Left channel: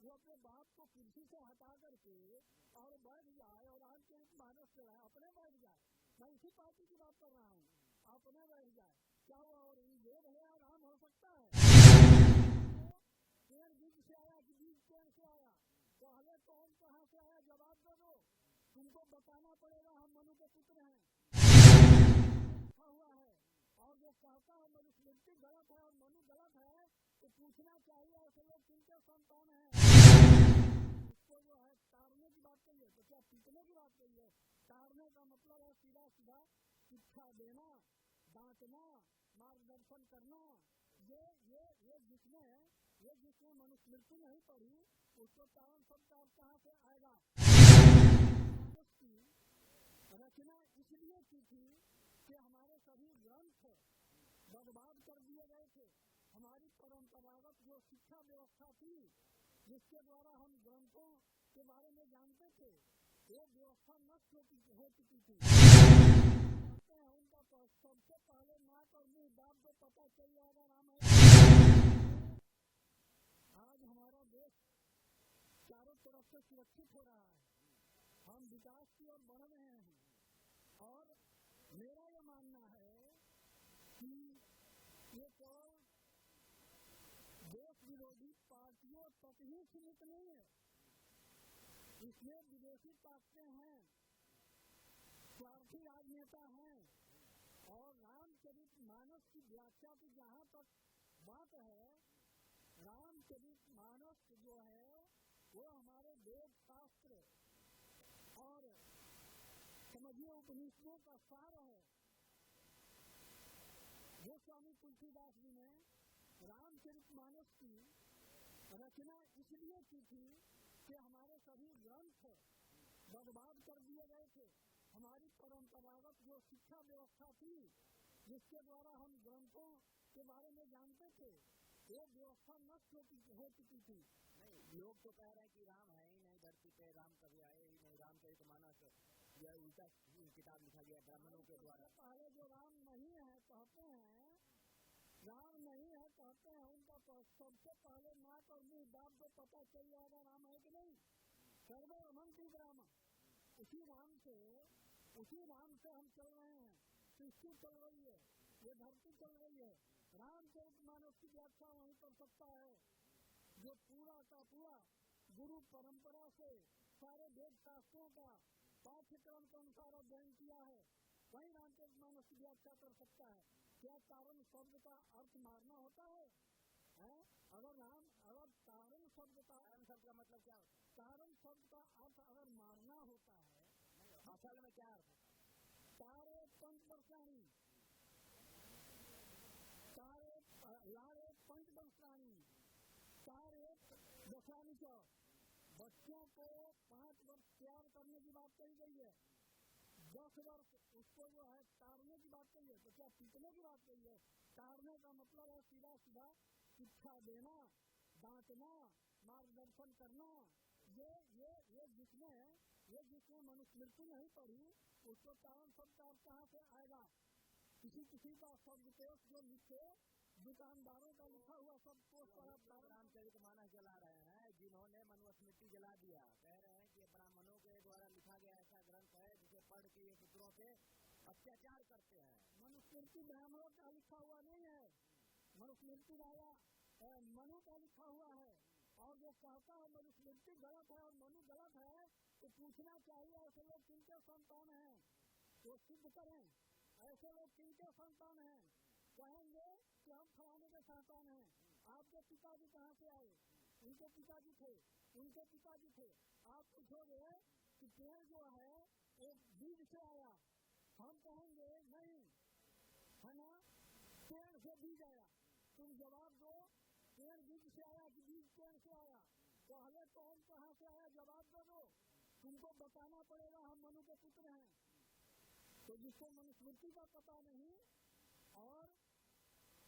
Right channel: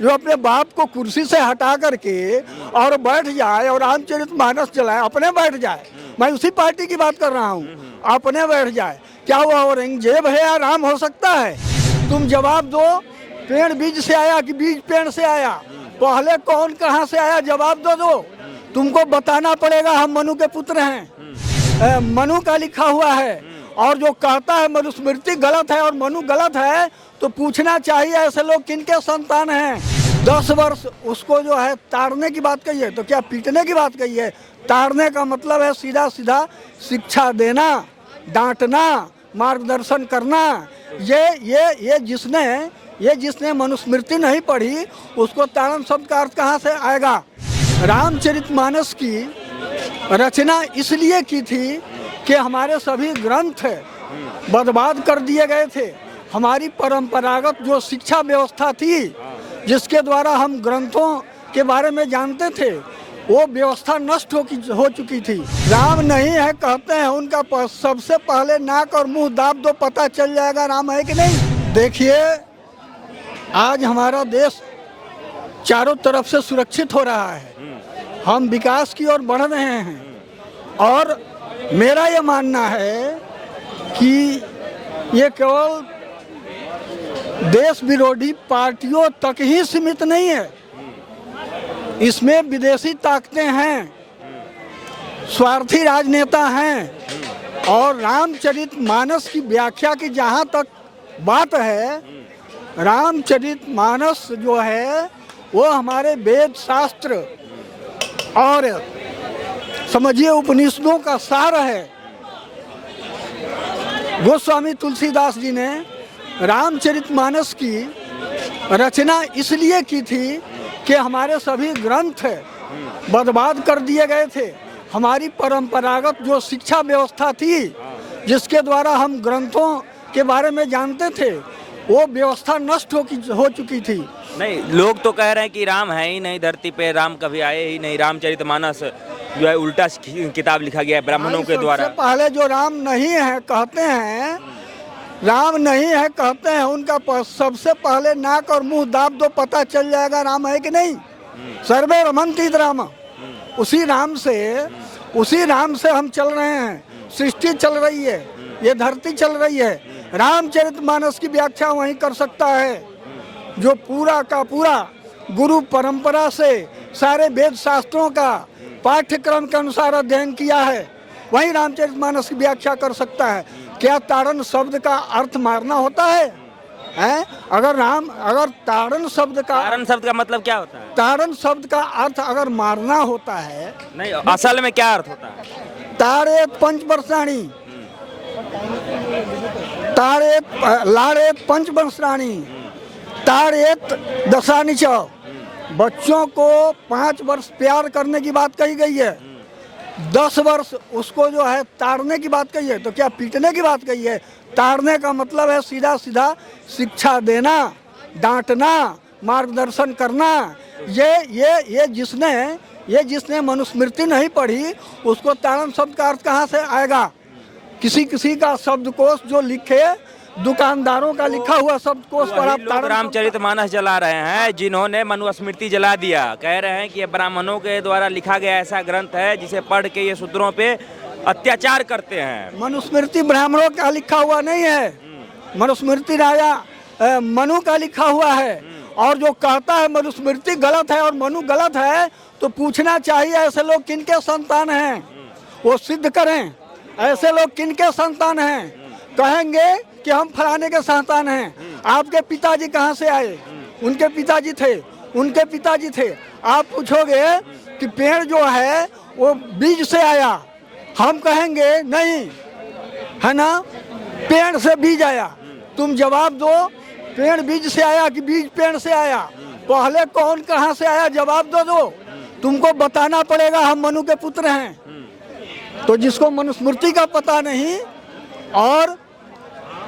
जो अपने बाप को कुर्सी से हटा करके और बैठ जाए और रामचरितमानस चलाए, अपने बैठ जाए। मैं उसी पार्टी की बात कर रहा हूँ, अपने बैठ जाए। क्या वो औरंगजेब है या राम हो सकता है? तुम जवाब दो, पेड़ बीज से आया कि बीज पेड़ से आया? पहले कौन कहाँ से आया, जवाब दो। तुमको बताना पड़ेगा। हम मनु के पुत्र हैं, मनु का लिखा हुआ है, और जो कहता है मनुस्मृति गलत है और मनु गलत है, तो पूछना चाहिए ऐसे लोग किनके संतान हैं। 10 वर्ष उसको जो है ताड़ने की बात कही है, तो क्या पीटने की बात कही है? ताड़ने का मतलब है सीधा सीधा शिक्षा देना, डांटना, मार्गदर्शन करना। ये जिसने मनुस्मृति नहीं पढ़ी, उसको ताड़न शब्द का अर्थ कहाँ से आएगा? रामचरितमानस की रचना इसलिए की थी कि हमारे सभी ग्रंथ बर्बाद कर दिए गए थे। हमारी परंपरागत जो शिक्षा व्यवस्था थी, जिसके द्वारा हम ग्रंथों के बारे में जानते थे, वो व्यवस्था नष्ट हो चुकी थी। राम नहीं है कहते हैं, उनका सबसे पहले नाक और मुंह दाब दो, पता चल जाएगा राम है कि नहीं। देखिए, आज हमारा देश चारों तरफ से सुरक्षित हो रहा है, हम विकास की ओर बढ़ रहे हैं, और मेरा ये मानना है कि ये केवल देश विरोधी पार्टियों तक ही सीमित नहीं है, इसमें विदेशी ताकतें हैं, स्वार्थी राजनेता हैं, और रामचरितमानस की व्याख्या की जहाँ तक बात है, रामचरितमानस जो है वो हमारे वेद शास्त्र और समझिए उपनिषदों का सार है। गोस्वामी तुलसीदास जी ने रामचरितमानस की रचना इसलिए की थी कि हमारे सभी ग्रंथ बर्बाद कर दिए गए थे। हमारी परंपरागत जो शिक्षा व्यवस्था थी, जिसके द्वारा हम ग्रंथों के बारे में जानते थे, वो व्यवस्था नष्ट हो चुकी थी। नहीं, लोग तो कह रहे हैं कि राम है ही नहीं धरती पे, राम कभी आए ही नहीं, रामचरितमानस जो है उल्टा किताब लिखा गया है ब्राह्मणों के द्वारा। सबसे पहले जो राम नहीं है कहते हैं, राम नहीं है कहते हैं, उनका सबसे पहले नाक और मुंह दाब दो, पता चल जाएगा राम है कि नहीं। सर्वे रमन्ति राम, उसी राम से हम चल रहे हैं, सृष्टि चल रही है, ये धरती चल रही है। रामचरितमानस की व्याख्या वही कर सकता है जो पूरा का पूरा गुरु परंपरा से सारे वेद शास्त्रों का पाठ्यक्रम के अनुसार अध्ययन किया है, वही रामचरितमानस की व्याख्या कर सकता है। क्या ताड़न शब्द का अर्थ मारना होता है? अगर ताड़न शब्द का मतलब क्या होता है? ताड़न शब्द का अर्थ अगर मारना होता है, नहीं, असल में क्या अर्थ होता है? ताड़ेत पंचवर्षाणी, लाड़ेत पंचवर्षाणी, ताड़ेत दशानी च। बच्चों को 5 वर्ष प्यार करने की बात कही गई है, 10 वर्ष उसको जो है ताड़ने की बात कही है, तो क्या पीटने की बात कही है? ताड़ने का मतलब है सीधा सीधा शिक्षा देना, डांटना, मार्गदर्शन करना। ये जिसने मनुस्मृति नहीं पढ़ी, उसको ताड़न शब्द का अर्थ कहाँ से आएगा? किसी का शब्दकोश जो लिखे, दुकानदारों का लिखा हुआ शब्दकोश पर आप रामचरितमानस जला रहे हैं, जिन्होंने मनुस्मृति जला दिया। कह रहे हैं कि ये ब्राह्मणों के द्वारा लिखा गया ऐसा ग्रंथ है जिसे पढ़ के ये शूद्रों पे अत्याचार करते हैं। मनुस्मृति ब्राह्मणों का लिखा हुआ नहीं है, मनुस्मृति राजा मनु का लिखा हुआ है, और जो कहता है मनुस्मृति गलत है और मनु गलत है, तो पूछना चाहिए ऐसे लोग किनके संतान हैं, वो सिद्ध करें। ऐसे लोग किनके संतान हैं? कहेंगे कि हम फलाने के संतान हैं। आपके पिताजी कहाँ से आए? उनके पिताजी थे। आप पूछोगे कि पेड़ जो है वो बीज से आया, हम कहेंगे नहीं, है ना, पेड़ से बीज आया। तुम जवाब दो, पेड़ बीज से आया कि बीज पेड़ से आया? पहले कौन कहाँ से आया, जवाब दो। तुमको बताना पड़ेगा। हम मनु के पुत्र हैं। तो जिसको मनुस्मृति का पता नहीं, और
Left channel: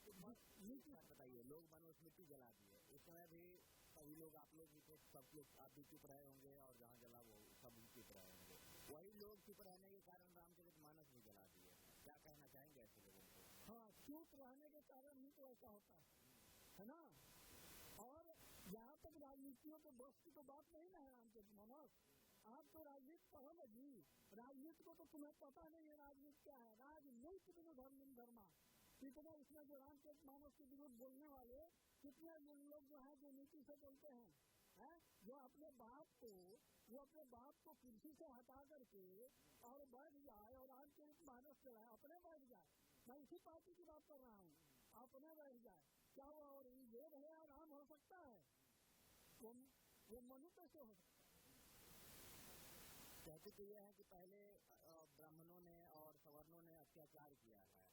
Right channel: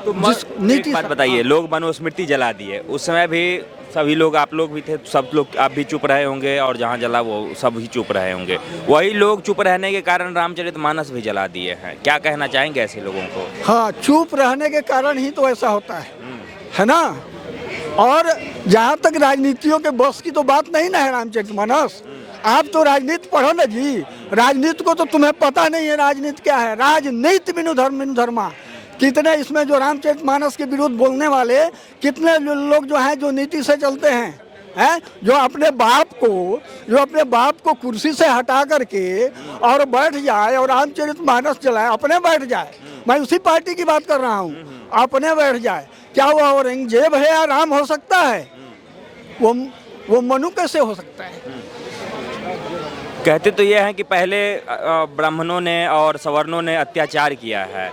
तो एक बात बताइए, लोग मनुस्मृति जला दिए, उस समय भी सभी लोग, आप लोग भी थे, सब लोग, आप भी चुप रहे होंगे, और जहाँ जला वो सब ही चुप रहे होंगे। वही लोग चुप रहने के कारण रामचरितमानस भी जला दिए हैं। क्या कहना चाहेंगे ऐसे लोगों को? हाँ, चुप रहने के कारण ही तो ऐसा होता है ना। और जहाँ तक राजनीतियों के बस की तो बात नहीं ना है रामचरितमानस। आप तो राजनीति पढ़ो ना जी, राजनीति को तो तुम्हें पता नहीं है राजनीति क्या है। राजनीति बिनु धर्मा। कितने इसमें जो रामचरितमानस के विरुद्ध बोलने वाले कितने लोग जो हैं जो नीति से चलते हैं, जो अपने बाप को कुर्सी से हटा करके और बैठ जाए और रामचरितमानस चलाए, अपने बैठ जाए। मैं उसी पार्टी की बात कर रहा हूँ, अपने बैठ जाए। क्या वो औरंगजेब है या राम हो सकता है? वो मनु कैसे हो सकता है? कहते तो ये हैं कि पहले ब्राह्मणों ने और सवर्णों ने अत्याचार किया है,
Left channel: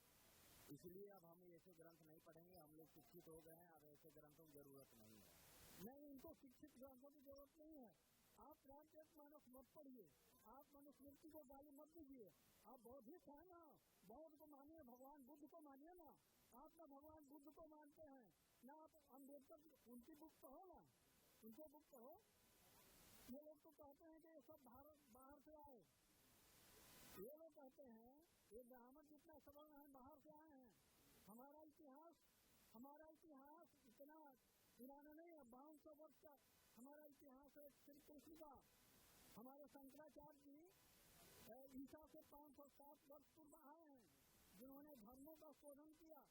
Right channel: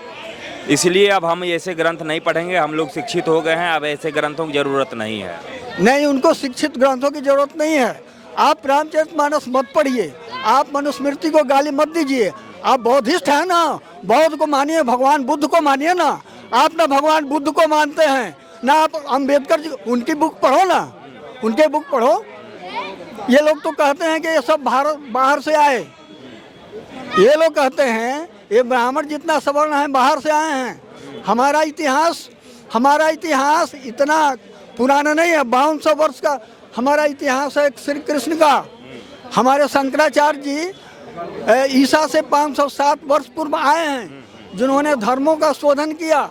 इसलिए अब हम ऐसे ग्रंथ नहीं पढ़ेंगे। हम लोग शिक्षित हो गए हैं, अब ऐसे ग्रंथों की जरूरत नहीं है। नहीं, उनको शिक्षित ग्रंथों की जरूरत नहीं है। आप रामचरितमानस मत पढ़िए, आप मनुस्मृति को गाली मत दीजिए। आप बौद्धिस्ट हैं ना, बौद्ध को मानिए, भगवान बुद्ध को मानिए ना। आप ना भगवान बुद्ध को मानते हैं ना, आप अम्बेडकर जी, उनकी बुक पढ़ो ना, उनके बुक पढ़ो। ये लोग तो कहते हैं कि ये सब बाहर से आए। ये लोग कहते हैं ये ब्राह्मण जितना सवर्ण है बाहर से आए हैं। हमारा इतिहास इतना पुराना नहीं है, 5200 वर्ष का हमारा इतिहास है श्री कृष्ण का। हमारे शंकराचार्य जी ईसा से 507 वर्ष पूर्व आए हैं, जिन्होंने धर्मों का शोधन किया।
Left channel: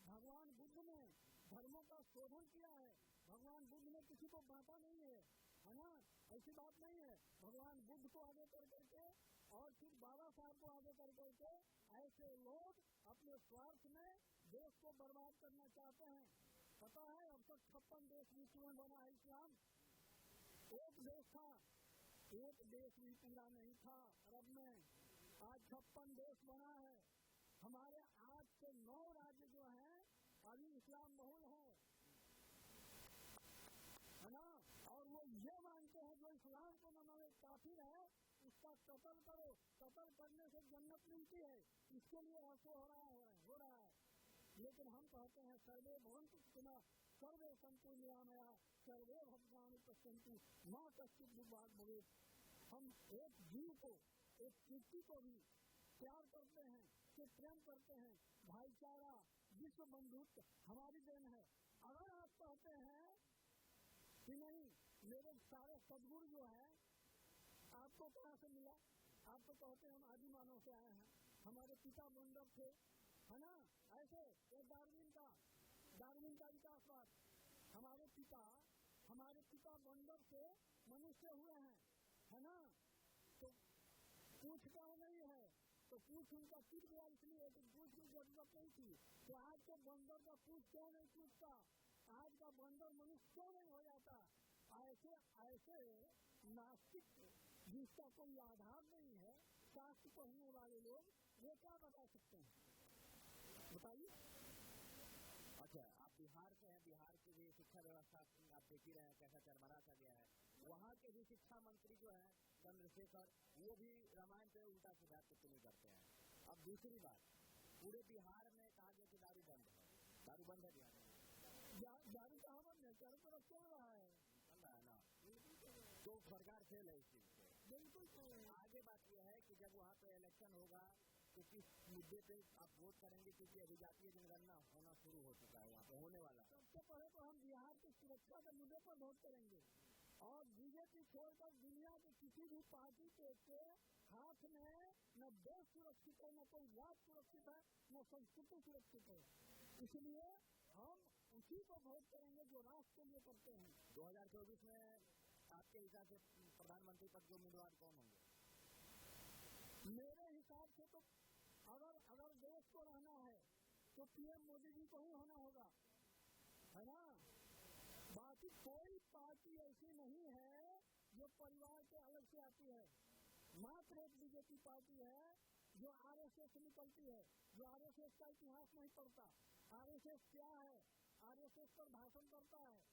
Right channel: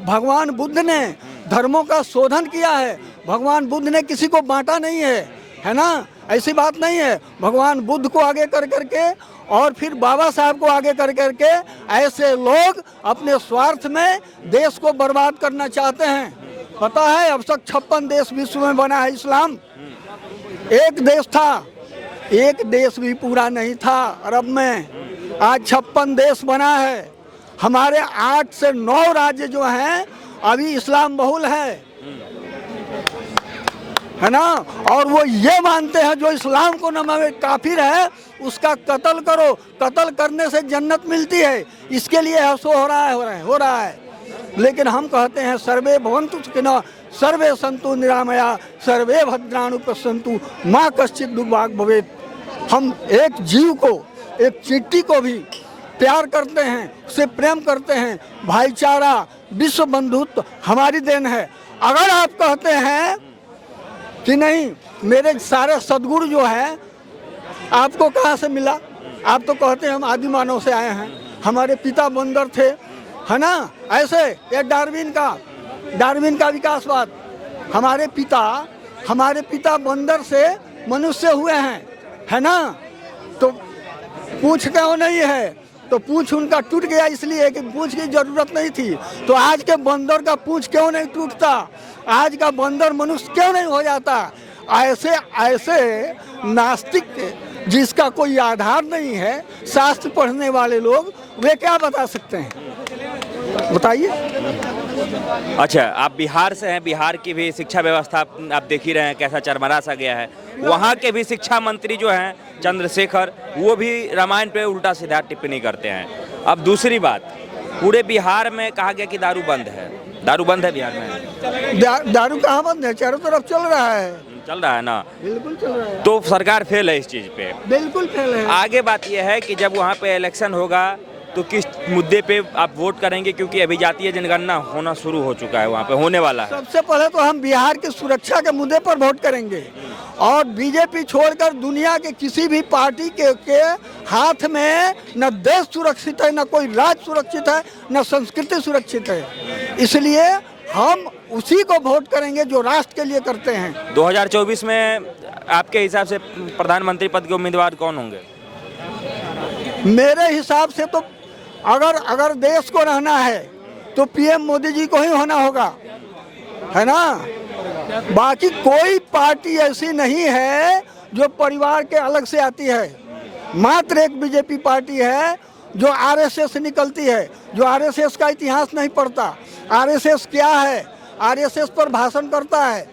भगवान बुद्ध ने धर्मों का शोधन किया है। भगवान बुद्ध ने किसी को बांटा नहीं है ना, ऐसी बात नहीं है। भगवान बुद्ध को आगे कर करके और फिर बाबा साहब को आगे कर करके ऐसे लोग अपने स्वार्थ में देश को बर्बाद करना चाहते हैं। पता है अब तक 56 देश विश्व में बना है इस्लाम। एक देश था, एक देश भी पूरा नहीं था अरब में, आज 56 देश बना है। हमारे 8 से 9 राज्य जो हैं अभी इस्लाम बहुल है ना। और वो ये मानते हैं जो इस्लाम को न माने काफिर है उसका कत्ल करो, कत्ल करने से जन्नत मिलती है। इसके लिए ऐसा हो रहा है। लेकिन हम कहते हैं सर्वे भवन्तु सुखिनः सर्वे सन्तु निरामया सर्वे भद्राणि पश्यन्तु माँ कश्चित् दुर्भाग् भवेत्। हम एक जीव को, एक चींटी को भी प्यार करते हैं, उससे प्रेम करते हैं। भाईचारा, विश्व बंधुत्व हमारी देन है। अगर आप कहते हैं कि नहीं मेरे सारे सद्गुरु जो है आपको कहाँ से मिला, आप तो कहते हैं हम आदि मानव से आए हैं, हमारे पिता बंदर थे, है ना। ऐसे ये डार्विन का विकासवाद, हमारे पिता बंदर से मनुष्य हुए हैं, है ना। तो पूछ क्यों नहीं है? तो पूछ उनका टूट गया इसलिए कि पूछ की जरूरत नहीं थी। तो आज के बंदर का पूछ क्यों नहीं टूटता? आज का बंदर मनुष्य क्यों नहीं हो जाता? ऐसे नास्तिक जिसका कोई आधार नहीं है, शास्त्र पढ़ने वाले लोग, वे क्या बता सकते हैं? बताइए। अच्छा, आप बिहार से हैं, बिहार की भी शिक्षा व्यवस्था आप देख ही रहे हैं कैसा चरमरा सा गया है। वहाँ के भी शिक्षा मंत्री जो हैं चंद्रशेखर, वो भी रामायण पे उल्टा सीधा टिप्पणी करते हैं। अब दूसरी बात, पूरे बिहार में कहा गया कि दारू बंद है बिहार में। दारू कहाँ बंद है? चारों तरफ चल रहा है ना। बिल्कुल चल रहा है। तो सरकार फेल है इस चीज पे, बिल्कुल फेल है। आगे बात यह है कि जब वहाँ पे इलेक्शन होगा तो किस मुद्दे पे आप वोट करेंगे, क्योंकि अभी जातीय जनगणना होना शुरू हो चुका है, वहाँ पे होने वाला है। सबसे पहले तो हम बिहार की सुरक्षा के मुद्दे पर वोट करेंगे और बीजेपी छोड़कर दुनिया के किसी भी पार्टी के हाथ में न देश सुरक्षित है, न कोई राज्य सुरक्षित है, न संस्कृति सुरक्षित है। इसलिए हम उसी को वोट करेंगे जो राष्ट्र के लिए करते हैं। 2024 में आपके हिसाब से प्रधानमंत्री पद के उम्मीदवार कौन होंगे? मेरे हिसाब से तो अगर देश को रहना है तो पीएम मोदी जी को ही होना होगा, है ना। बाकी कोई पार्टी ऐसी नहीं है जो परिवार के अलग से आती है। मात्र एक बीजेपी पार्टी है जो आरएसएस से निकलती है, जो आरएसएस का इतिहास नहीं पढ़ता। आरएसएस क्या है? आरएसएस पर भाषण करता है।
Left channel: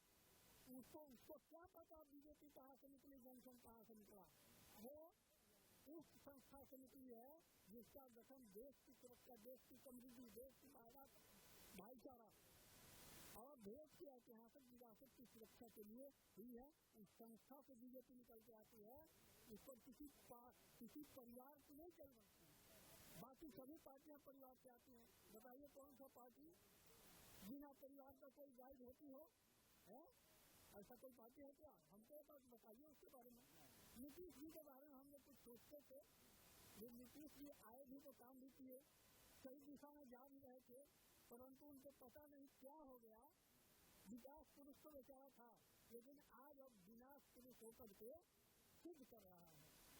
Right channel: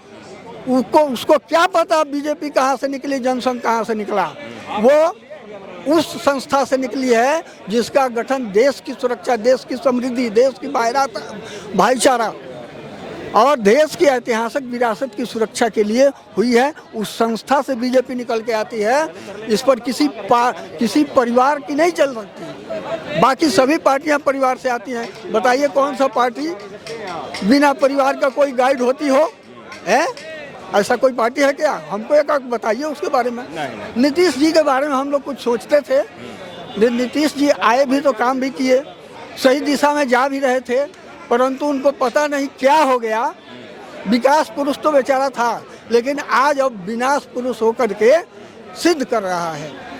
उसको क्या पता बीजेपी कहाँ से निकली, जनसंघ कहाँ से निकला? वो उस संस्था से निकली है जिसका गठन देश की सुरक्षा, देश की समृद्धि, देश की भाईचारा और देश की ऐतिहासिक विरासत की सुरक्षा के लिए हुई है। उस संस्था से बीजेपी निकल के आती है। इस पर किसी परिवार की नहीं चल सकती। बाकी सभी पार्टियां परिवार से आती हैं। बताइए कौन सा पार्टी बिना परिवार का कोई गाइड होती हो? है? ऐसा कोई पार्टी है क्या? हमको एक बताइए उसके बारे में। नहीं। नीतीश जी के बारे में हम लोग कुछ सोचते थे, नीतीश जी आए भी तो काम भी किए, सही दिशा में जा भी रहे थे, परंतु उनको पता नहीं क्या हो गया। विकास पुरुष तो बेचारा था, लेकिन आज अब विनाश पुरुष होकर के सिद्ध कर रहा है।